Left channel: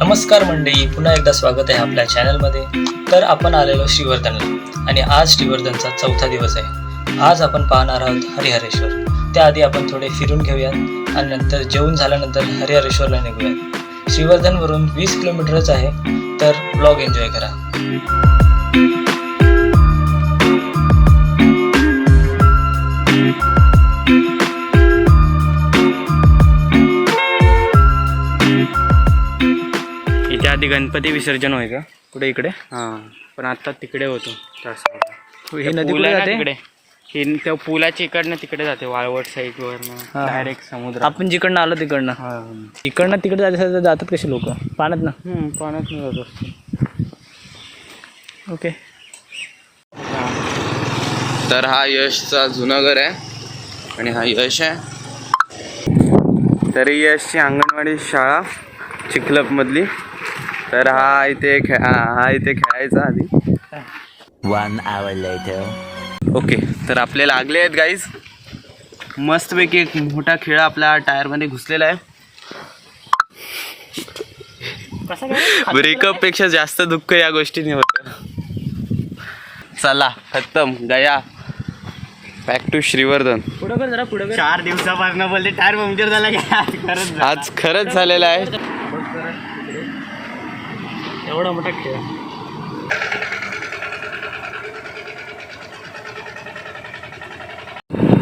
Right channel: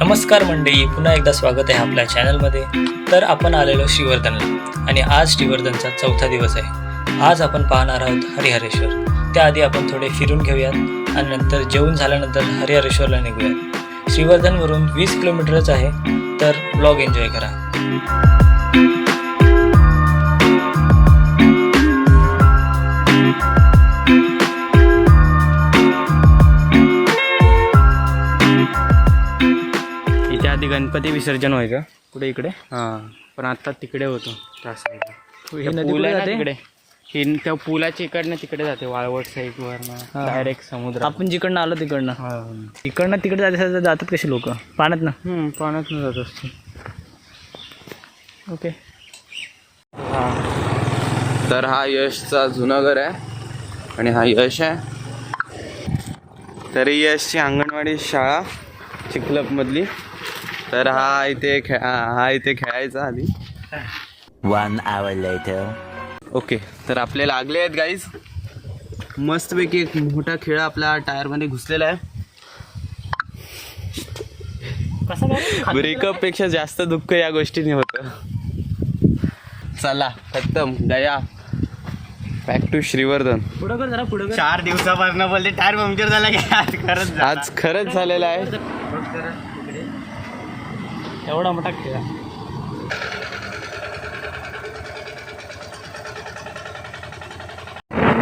नमस्कार मंडळी पुन्हा एकदा स्वागत आहे आपल्या चॅनलमध्ये तर आपण आलेलो श्रीवर्धनला आणि आज श्रीवर्धनचा चौथा दिवस आहे. आज आपण पाहणार आहोत हरिहरेश्वर. त्याआधी आपण थोडे फिरून घेऊयात आणि नंतर जेवण झाल्यानंतर हरिहरेश्वरला निघूयात. श्रीवर्धनवरून वीस किलोमीटरच आहे तर ब्लॉग एन्जॉय करा. आधी गणपती विसर्जन होय का? कुठे इकडे? हां. पण आता तिकडे होतो. त्या ला. ही नदी कुठे जाते? तिकडे. ही त्या पुलाच्या इकडनं तिकडे जाते वाळवट साईड वरनं. हा. डायरेक्ट समुद्र आपण जिकडनं आलो तिकडनं. हा. इकडनं तिकडे जाते जातात कसे लोक? पाण्यात ना? हम्म, पाण्यातून जात असतो ओके. तर हा यशचा जुना घर आहे आणि हा यश आहे. तरी यशची अंगणवाडी शाळा चिखलपमधली तर हा इथे खे हा इथे खेळायचा आधी. One hour later. ओके तर आपले लागले आहेत गाईज मस्तपैकी एक मोठा खेळ आपल्या टायरमध्ये घुसलेला आहे. ब्रेकअपपेक्षा जास्त दुःख या गोष्टीने होतं. चला खत्तम. गया. Back to Shrivardhan. पुढं कर जरा पुढं चार दिवसापासून बोलते टायर पंक्चर झाला की आज खरंच झाला. आज खरंच झालेलं आहे. एवढा मोठा खेळ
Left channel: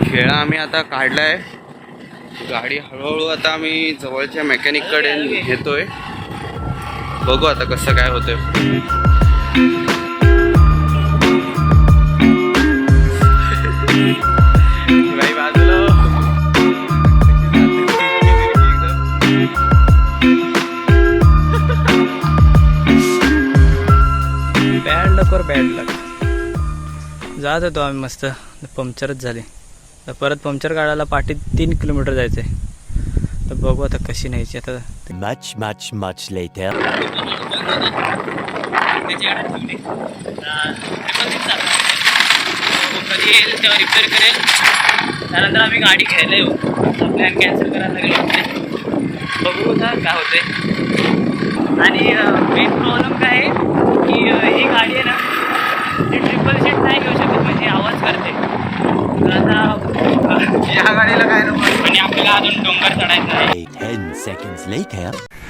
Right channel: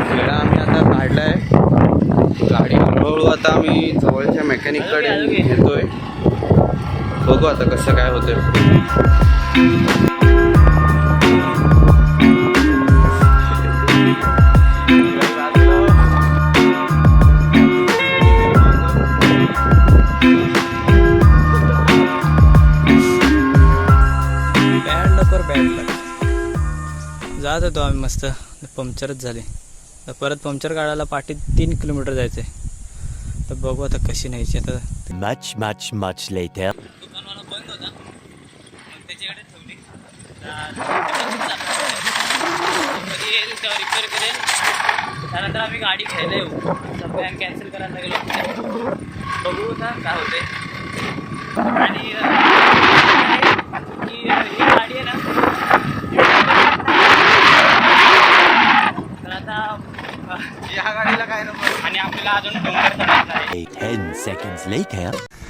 खेळा आम्ही आता काढला आहे गाडी हळूहळू आता आम्ही जवळच्या मेकॅनिककडे घेतोय बघू आता कसं काय होतंय. जात होतो आम्ही मस्त. पंक्चरच झाले. तर परत पंक्चर काढायला पाठी तीन किलोमीटर जायचं आहे तर बघू आता कशी न्यायची आता. Later. कधी येईल तेव्हा रिपेअर करेल त्यानंतर आम्ही गाडी घ्यायला येऊ. प्लॅन कॅन्सल करायला लागेल वाटते बघू आता काय होते आणि काय की ही गाडी आहे ना नाही.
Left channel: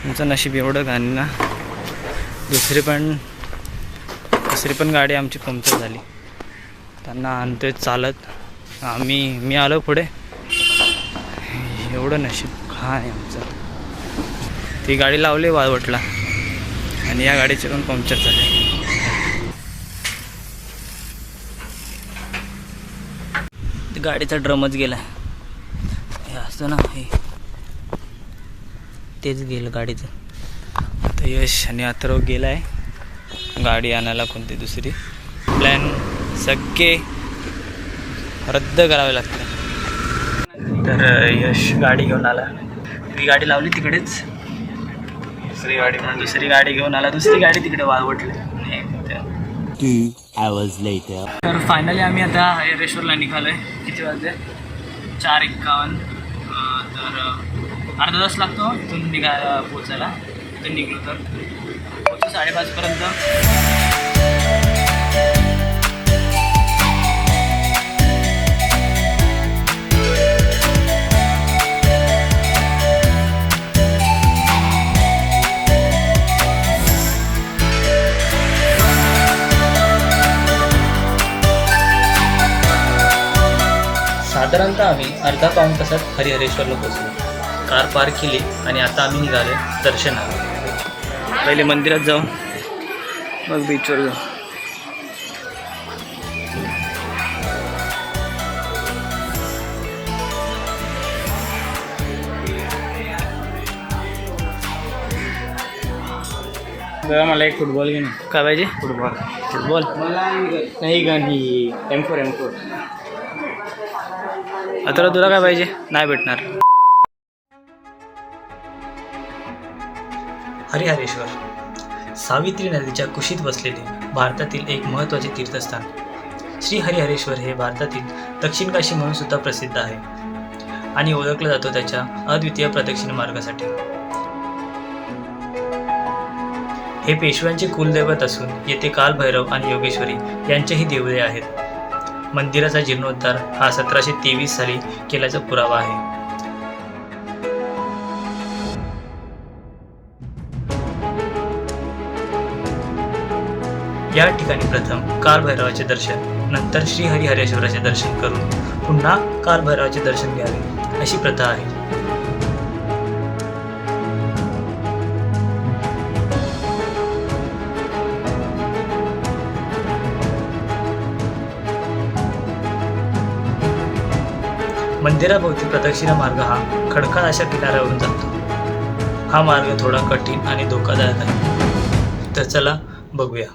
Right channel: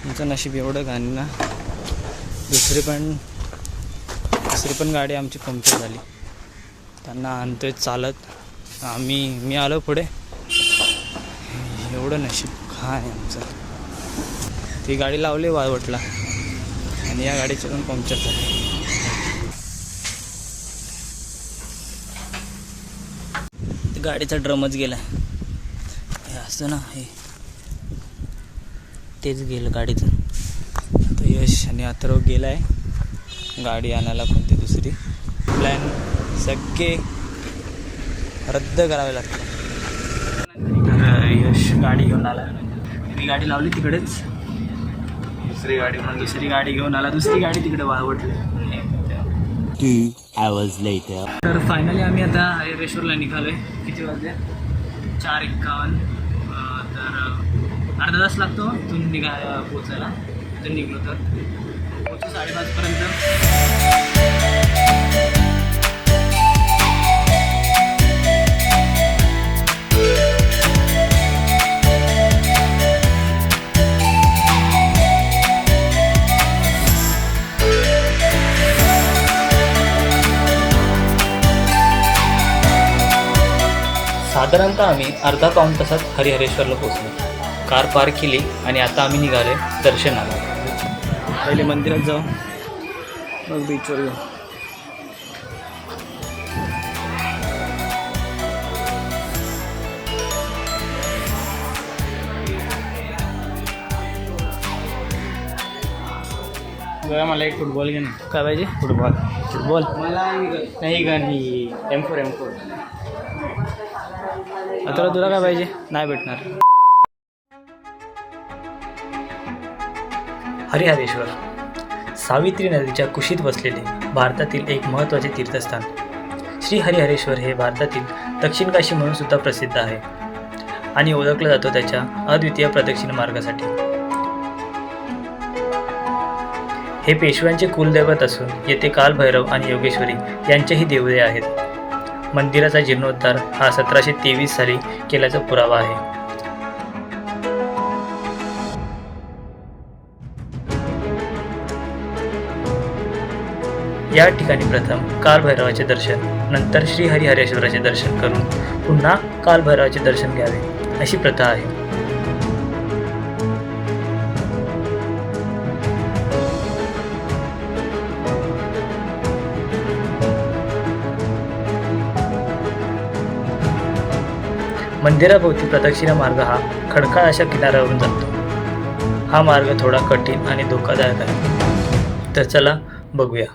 तुमचं नशीब एवढं घाण ना. दुसरी पण दुसरी पण गाडी आमची पंक्चर झाली. त्यांना आणतोय चालत. आम्ही मी आलो पुढे. एवढं नशीब खा आहे आमचं. ती गाडी लावली वाळवटला. आणि या गाडीचे पण पंक्चर झाले. गाडीचा ड्रमच गेला. हे असतो ना हे. तेच गेलं गाडीचं. आता यश आणि अथर्व गेला आहे गाडी आणायला कोणती दुसरी? प्लॅन सगळे रद्द करावे लागते तर यश गाडी घेऊन आला. ती गाडी लावली तिकडेच. दुसरी गाडी दुसरी गाडी घेऊन आला. दुसरी गाडी तिकडे वाळवटली. तर फायनली आम्ही आता हरिहरेश्वरला निघालो आहे किती वाजले? चार एक्कावन्न. तर अर्धा तास लागतो इथून निघा पोचायला. इथून निघलो तर. पोचू साडेपाचपर्यंत. साधारणतः आम्ही अर्धा पाऊण तासात हरिहरेश्वरला पोहोचलो. कार पार्क केली आणि आता आम्ही निघालो दर्शनाला पहिले मंदिरात जाऊ. मग बीचवर जाऊ. मला एक फुटबॉल घेऊन काय पाहिजे? फुटबॉल फुटबॉल मला नाही गाणी एम फोर एम फोर आता तुला काय पाहिजे? नाही भेटणार. हरिहरेश्वर सावित्री नदीच्या कुशीत बसलेले भारतातील एक महत्त्वाचे तीर्थस्थान. श्री हरिहरेश्वर हे भारतातील दक्षिण काशी म्हणून सुद्धा प्रसिद्ध आहे आणि ओळखला जातो त्याच्या अद्वितीय प्रदक्षिण मार्गासाठी. हे पेशव्यांचे कुलदैवत असून येथे कालभैरव आणि योगेश्वरी यांचेही देवळे आहेत. मंदिराचा जीर्णोद्धार हा सतराशे तेवीस साली केल्याचा पुरावा आहे. या ठिकाणी प्रथम कालभैरवाचे दर्शन नंतर श्री हरिहरेश्वराचे दर्शन करून पुन्हा कालभैरवाचे दर्शन घ्यावे अशी प्रथा आहे. मंदिराभोवती प्रदक्षिणा मार्ग हा खडकाळ अशा किनाऱ्यावरून जातो. हा मार्ग थोडा कठीण आणि धोकादायक आहे. तर चला बघूया.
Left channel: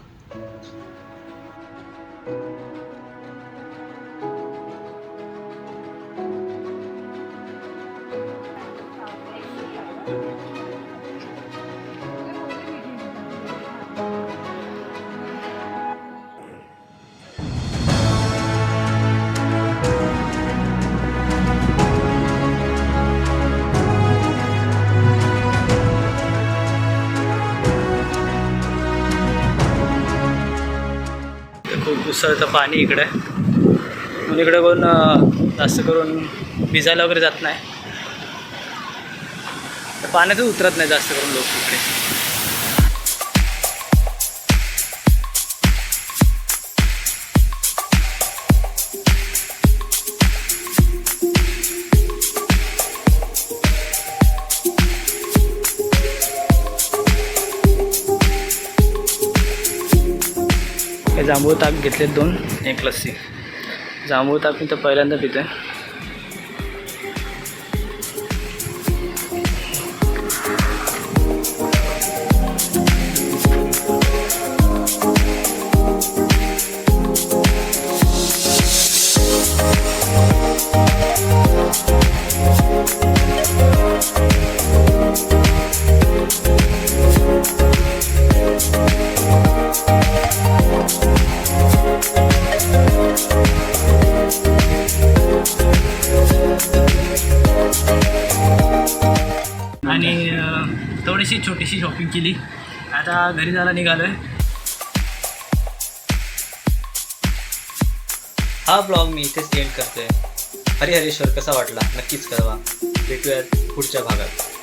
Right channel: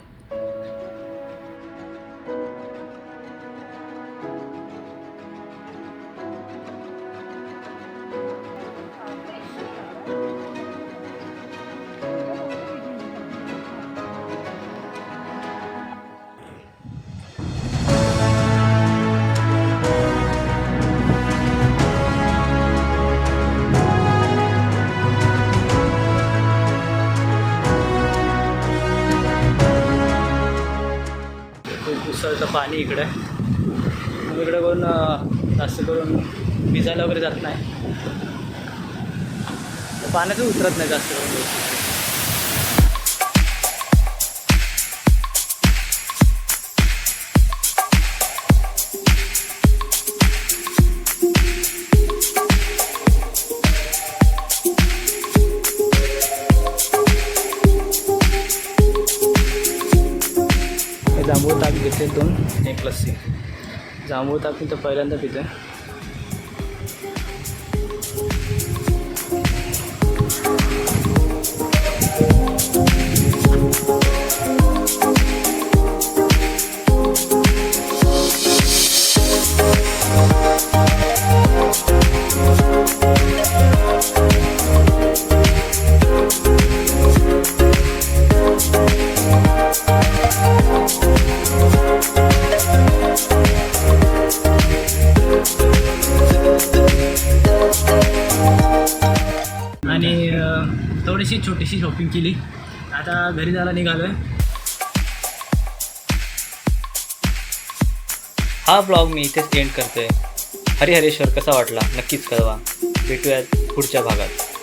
खूप उसळतं पाणी इकडे. म्हणून इकडे कोण जास्त करून भिजायला वगैरे जात नाही. तर पाण्यातच उतरत नाही जास्त करून लोक इकडे. जांभूळ ताक घेतले दोन एक लस्सी. जांभूळ ताक मी तर पहिल्यांदा पितो आहे थोडीशी छोटीशी शॉपिंग केली. आता घरी जायला निघालो आहे हा ब्लॉग मी इथेच एंड करतोय. हरिहरेश्वर कसा वाटला? नक्कीच कळवा. भेटूयात पुढच्या भागात.